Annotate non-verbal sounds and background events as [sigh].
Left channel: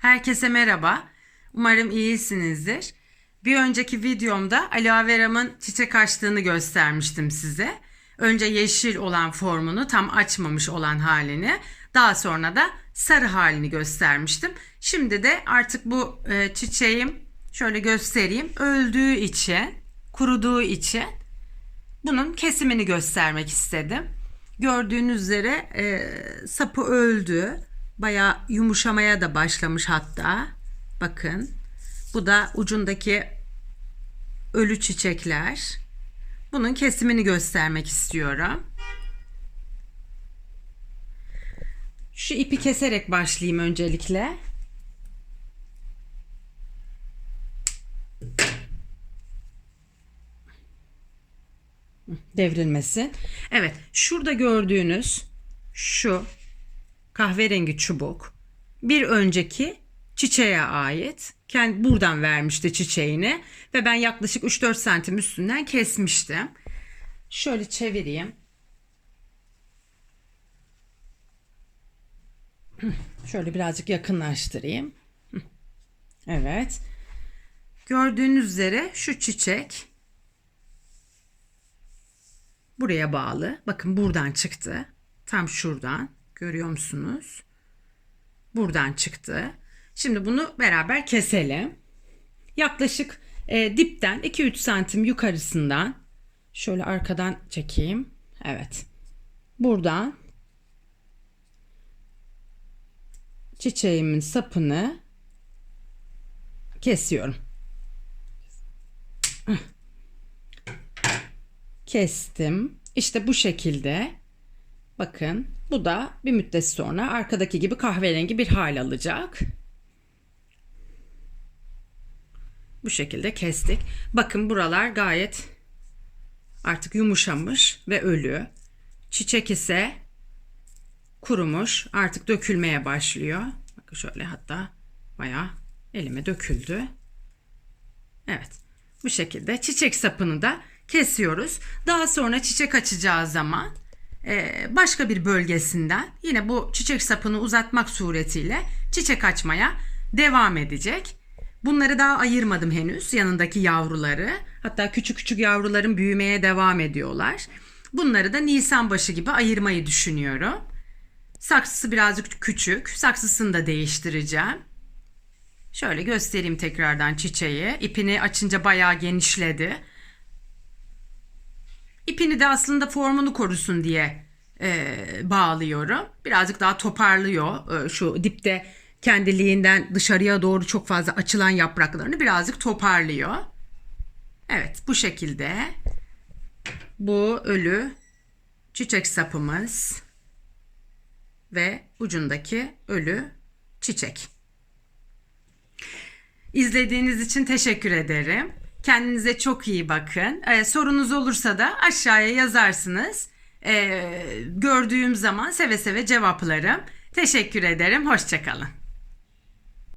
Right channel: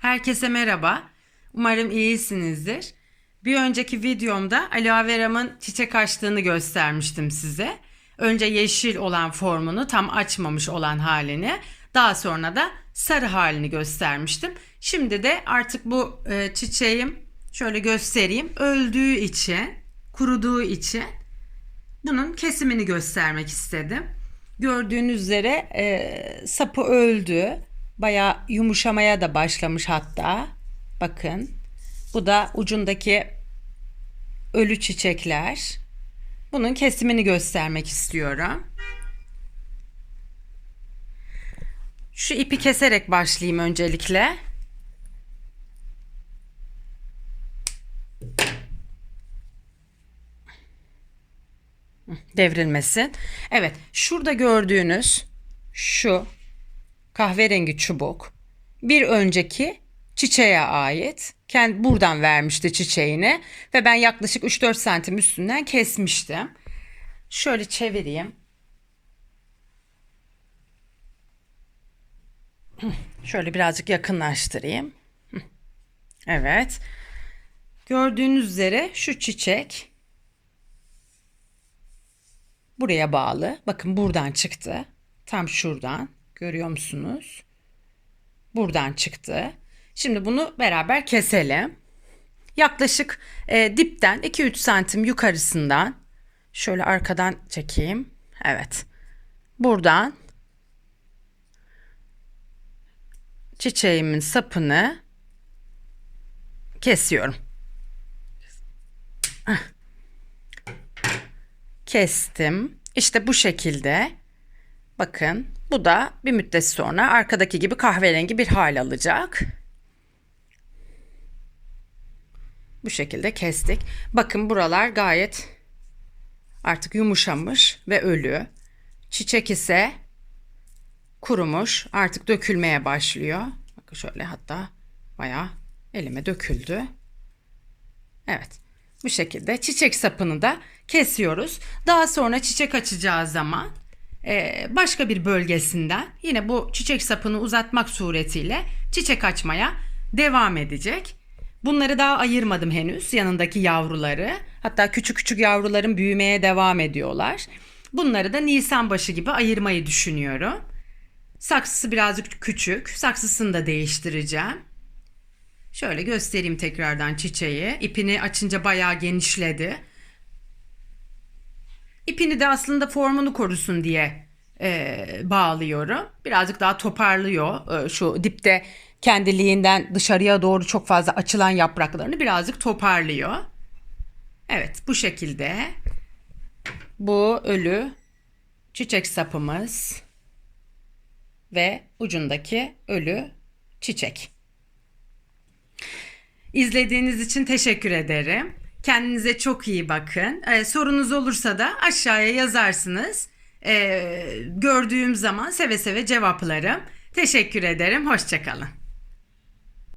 Herkese merhaba. Umarım iyisinizdir. Bir önceki videomda aloe veramın çiçek açtığını göstermiştim size. Önce yeşil olan formunu tam açmamış olan halini, daha sonra da sarı halini göstermiştim. Şimdi de artık bu e, çiçeğim şöyle göstereyim. Öldüğü için, kuruduğu için bunun kesimini göstermek istedim. Gördüğünüz üzere e, sapı öldü. Bayağı yumuşamaya da başlamış hatta. Bakın. Bu da ucundaki ölü çiçekler. Bunun kesimini göstermek istiyorum. Şu ipi keserek başlayayım öncelikle. devrilmesin. Evet, şurada gördüğünüz şu kahverengi çubuk bir önceki çiçeğe ait. Kendi buradan vermişti çiçeğini ve ben yaklaşık 3-4 santim üstünden kesmiştim. Şöyle çevireyim. [clears throat] Şöyle birazcık yakınlaştırayım. [clears throat] Evet. Gördüğünüz üzere şu çiçek buraya bağlı. Bakın buradan çıktı. Tam şuradan. Görüyor musunuz? Buradan çıktı. Şimdi bunu beraber keselim. Yaklaşık e, dipten 2-3 santim yukarısından şöyle arkadan çekeyim. Evet. Buradan çiçeğimin sapını kesiyorum. Kestim. İşte bu şekilde. Bakın bu da bir müddet sonra arkadaki gibi kahverengi bir hal alacak. Bu şekilde kestik. Bakın buralar gayet artık yumuşamış ve ölü. Çiçek ise kurumuş. Artık dökülmeye başlıyor. Bakın şöyle hatta bayağı elime döküldü. Evet. Bu şekilde çiçek sapını da kesiyoruz. Daha sonra çiçek açacağı zaman başka bir bölgesinden yine bu çiçek sapını uzatmak suretiyle çiçek açmaya devam edecek. Bunları daha ayırmadım henüz yanındaki yavruları. Hatta küçük küçük yavruların büyümeye devam ediyorlar. Bunları da Nisan başı gibi ayırmayı düşünüyorum. Saksısı birazcık küçük. Saksısını da değiştireceğim. Şöyle göstereyim tekrardan çiçeği. İpini açınca bayağı genişledi. İpini de aslında formunu korusun diye e, bağlıyorum. Birazcık daha toparlıyor. E, şu dipte kendiliğinden dışarıya doğru çok fazla açılan yapraklarını birazcık toparlıyor. Evet bu şekilde bu ölü çiçek sapımız ve ucundaki ölü çiçek. İzlediğiniz için teşekkür ederim. Kendinize çok iyi bakın. Ee, sorunuz olursa da aşağıya yazarsınız. Ee, gördüğüm zaman seve seve cevaplarım. Teşekkür ederim. Hoşçakalın.